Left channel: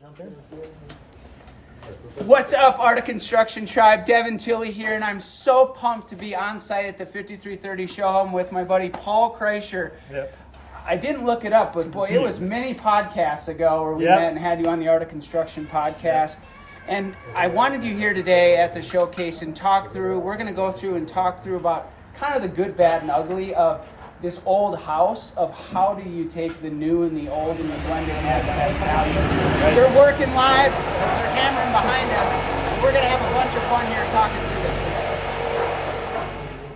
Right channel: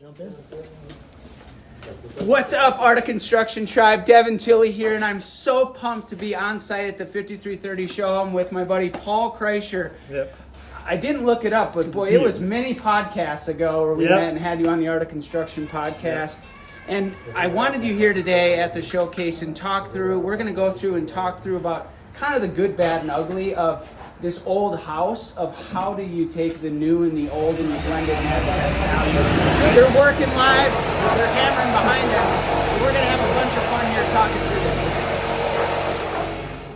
Jump in. What's up, Art of Construction Tribe? Devin Tilley here, and I'm so pumped to be on site at the 5330 show home with my buddy Paul Kreischer. Yep. I didn't look it up, but boy, it was many podcasts ago where we met and had you on the Art of Construction podcast. And I wanted you here today at the showcase and we're going to go through and talk through about kind of the good, bad, and ugly of this old house, of how do you take the new and the old and you blend it and add the best value. They're working live, they're hammering behind us. We're going to have a bunch of fun here talking through this today.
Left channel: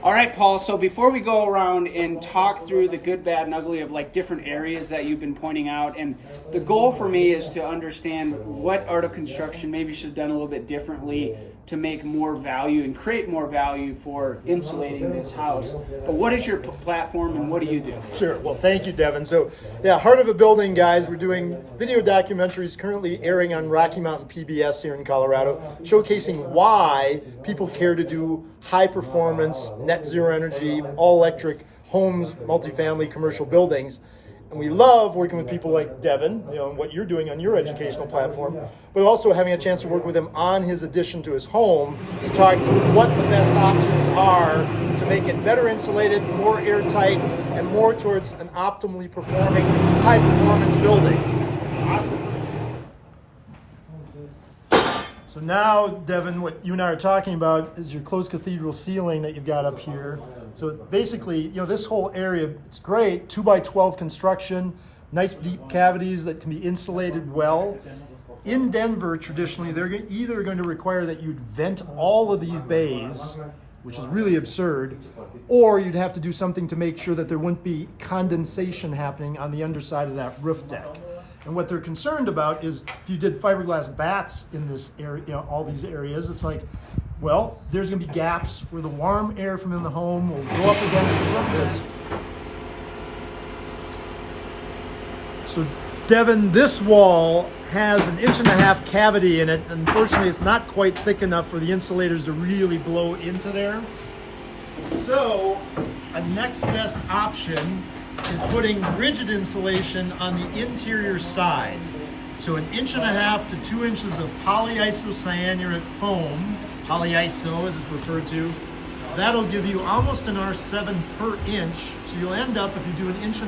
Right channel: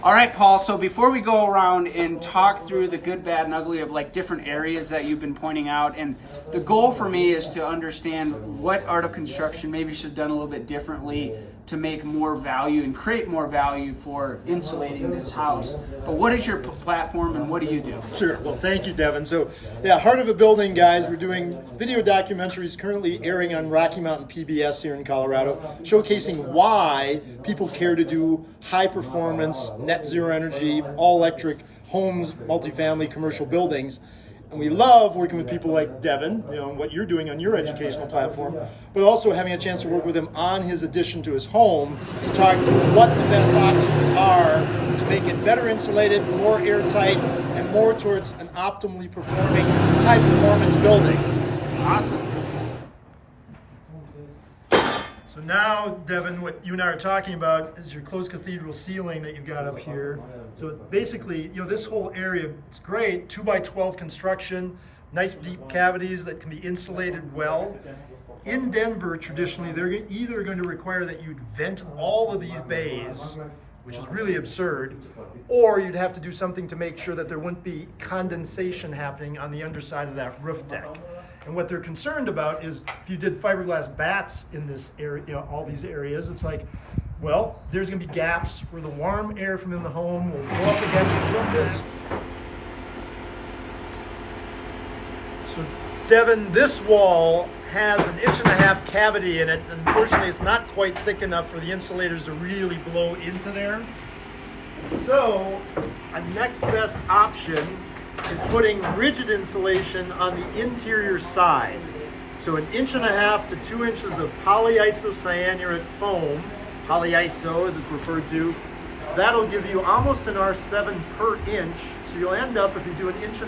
All right, Paul, so before we go around and talk through the good, bad, and ugly of like different areas that you've been pointing out, and the goal for me is to understand what Art of Construction maybe should have done a little bit differently to make more value and create more value for insulating this house. But what is your platform and what do you do? Sure. Well, thank you, Devin. So, Heart of a Building, guys. We're doing video documentaries currently airing on Rocky Mountain PBS here in Colorado, showcasing why people care to do high performance, net zero energy, all electric homes, multifamily, commercial buildings. And we love working with people like Devin, and what you're doing on your educational platform, but also having a chance to work with him on his addition to his home to talk through what the best options are to make it better insulated, more airtight, and more towards an optimally performing, high performance building. Awesome. So now, Devin, what you and I are talking about is your closed cathedral ceiling that you've got up here. So basically, this whole area, it's great, 2x12 construction, nice deep cavities that can be insulated well. In Denver, traditionally, they're either going to require that you'd vent all of these bays, which is really absurd, or you'd have to do something to make sure that there wouldn't be condensation happening on the underside of that roof deck. And what they're concerned about is if you did fiberglass bats in this area, all these areas, it's like, well, there's going to be gaps where the warm air from in the home will go up against the furnace. So, Devin, this wall has an 1.5 inch cavity in it. Unfortunately, it's not quite thick enough for the insulators to really blow into there. So, a next best option is putting rigid insulation on the interior side. So 1.5 to 2 inches of polyisocyanuric foam, polyiso as it's referred to, that'll give you almost an R7 per inch. So you'll end up, if you do 1.5 inch,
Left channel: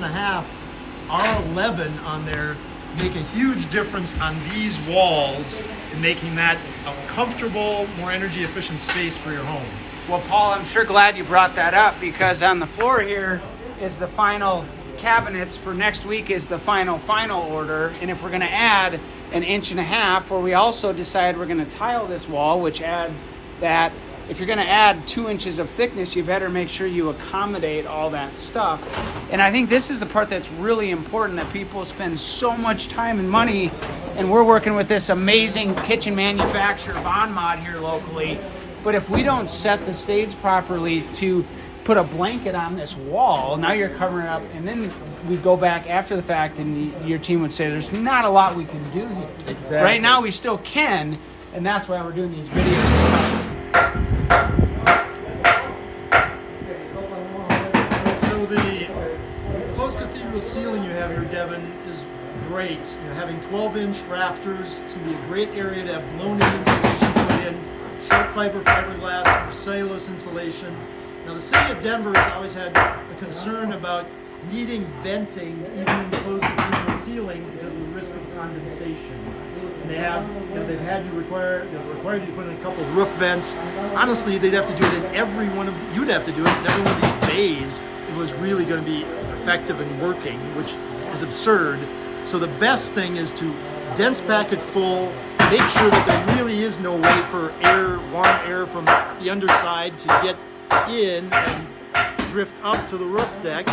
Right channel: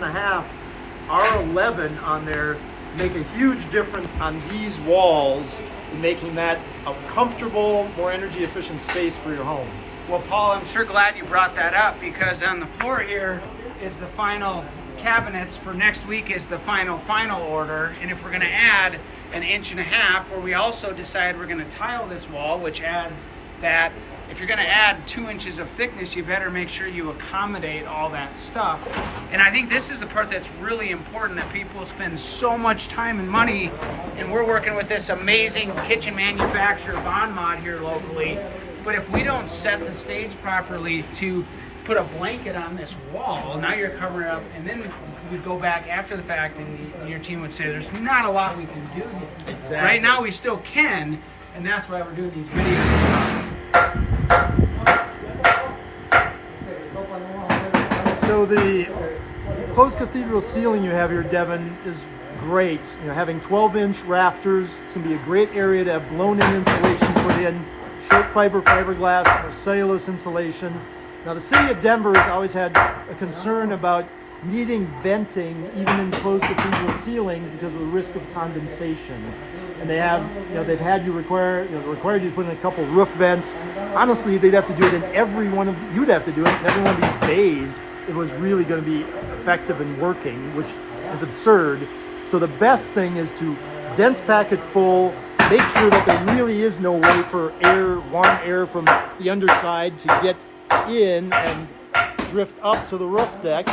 R11 on there, make a huge difference on these walls in making that a comfortable, more energy efficient space for your home. Well, Paul, I'm sure glad you brought that up, because on the floor here is the final cabinets for next week, is the final order. And if we're going to add 1.5 inches, or we also decide we're going to tile this wall, which adds that, if you're going to add 2 inches of thickness, you better make sure you accommodate all that stuff. And I think this is the part that's really important, that people spend so much time and money, and we're working with this amazing kitchen manufacturer, Von Mod, here locally. But if we don't set the stage properly to put a blanket on this wall, now you're covering it up, and then we go back after the fact and your team would say there's not a lot we can do here. Exactly. Right now we still can, and that's why we're doing these videos. So the closed cathedral ceiling you have here, Devin, is great. Having 12-inch rafters, it's going to be a great area to have blown-in insulation put in, short fiber fiberglass or cellulose insulation. Now, the city of Denver has always had a concern about needing venting even in closed cathedral ceilings because of the risk of condensation. And they have, they've had you required you to put in a couple roof vents. Honestly, they'd have to do it in every one of, you'd have to do it in every one of these bays if it was really going to be effective and working, which is absurd. So the best thing is to dense pack it full, make sure that there really is no way for warm air from the underside to get in and drift up to the roof deck,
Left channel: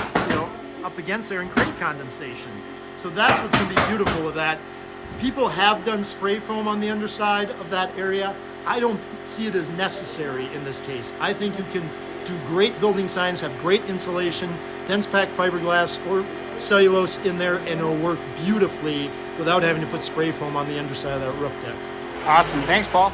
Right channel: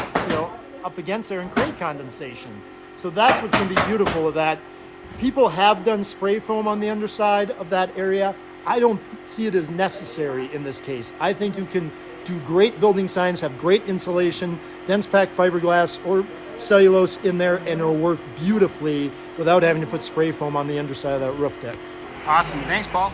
up against there and create condensation. So that's what's going to be beautiful with that. People have done spray foam on the underside of that area. I don't see it as necessary in this case. I think you can do great building signs, have great insulation, dense packed fiberglass or cellulose in there, and it'll work beautifully without having to put spray foam on the underside of that roof deck. Awesome. Thanks, Paul.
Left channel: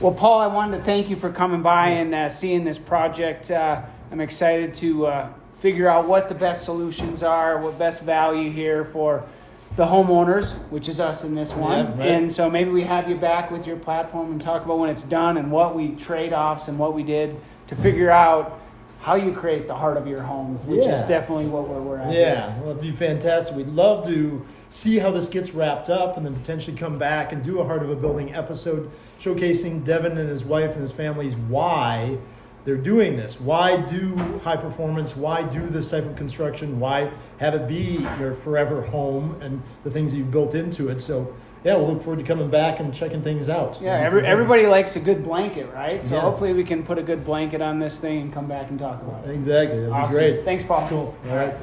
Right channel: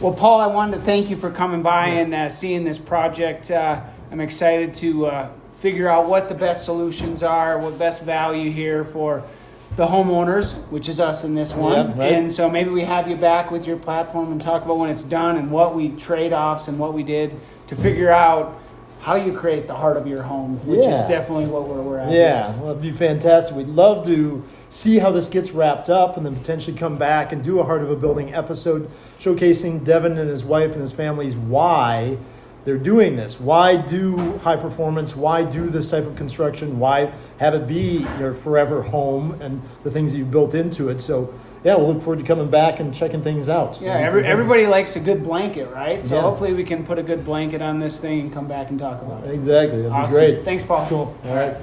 Well, Paul, I wanted to thank you for coming by and seeing this project. I'm excited to figure out what the best solutions are, what best value here for the homeowners, which is us in this one. Yeah, right. And so maybe we have you back with your platform and talk about when it's done and what we trade-offs and what we did to figure out how you create the heart of your home, which is Yeah. definitely what we're at. Yeah, well, it'd be fantastic. We'd love to see how this gets wrapped up and then potentially come back and do a Heart of a Building episode showcasing Devin and his wife and his family's why they're doing this. Why do high performance? Why do this type of construction? Why have it be your forever home and the things that you've built into it? So, yeah, we'll look forward to coming back and checking things out. Yeah, everybody likes a good blanket, right? So Yeah. hopefully we can put a good blanket on this thing and come back and talk about it. Exactly. That'd Awesome. be great. Thanks, Paul. Cool. All right.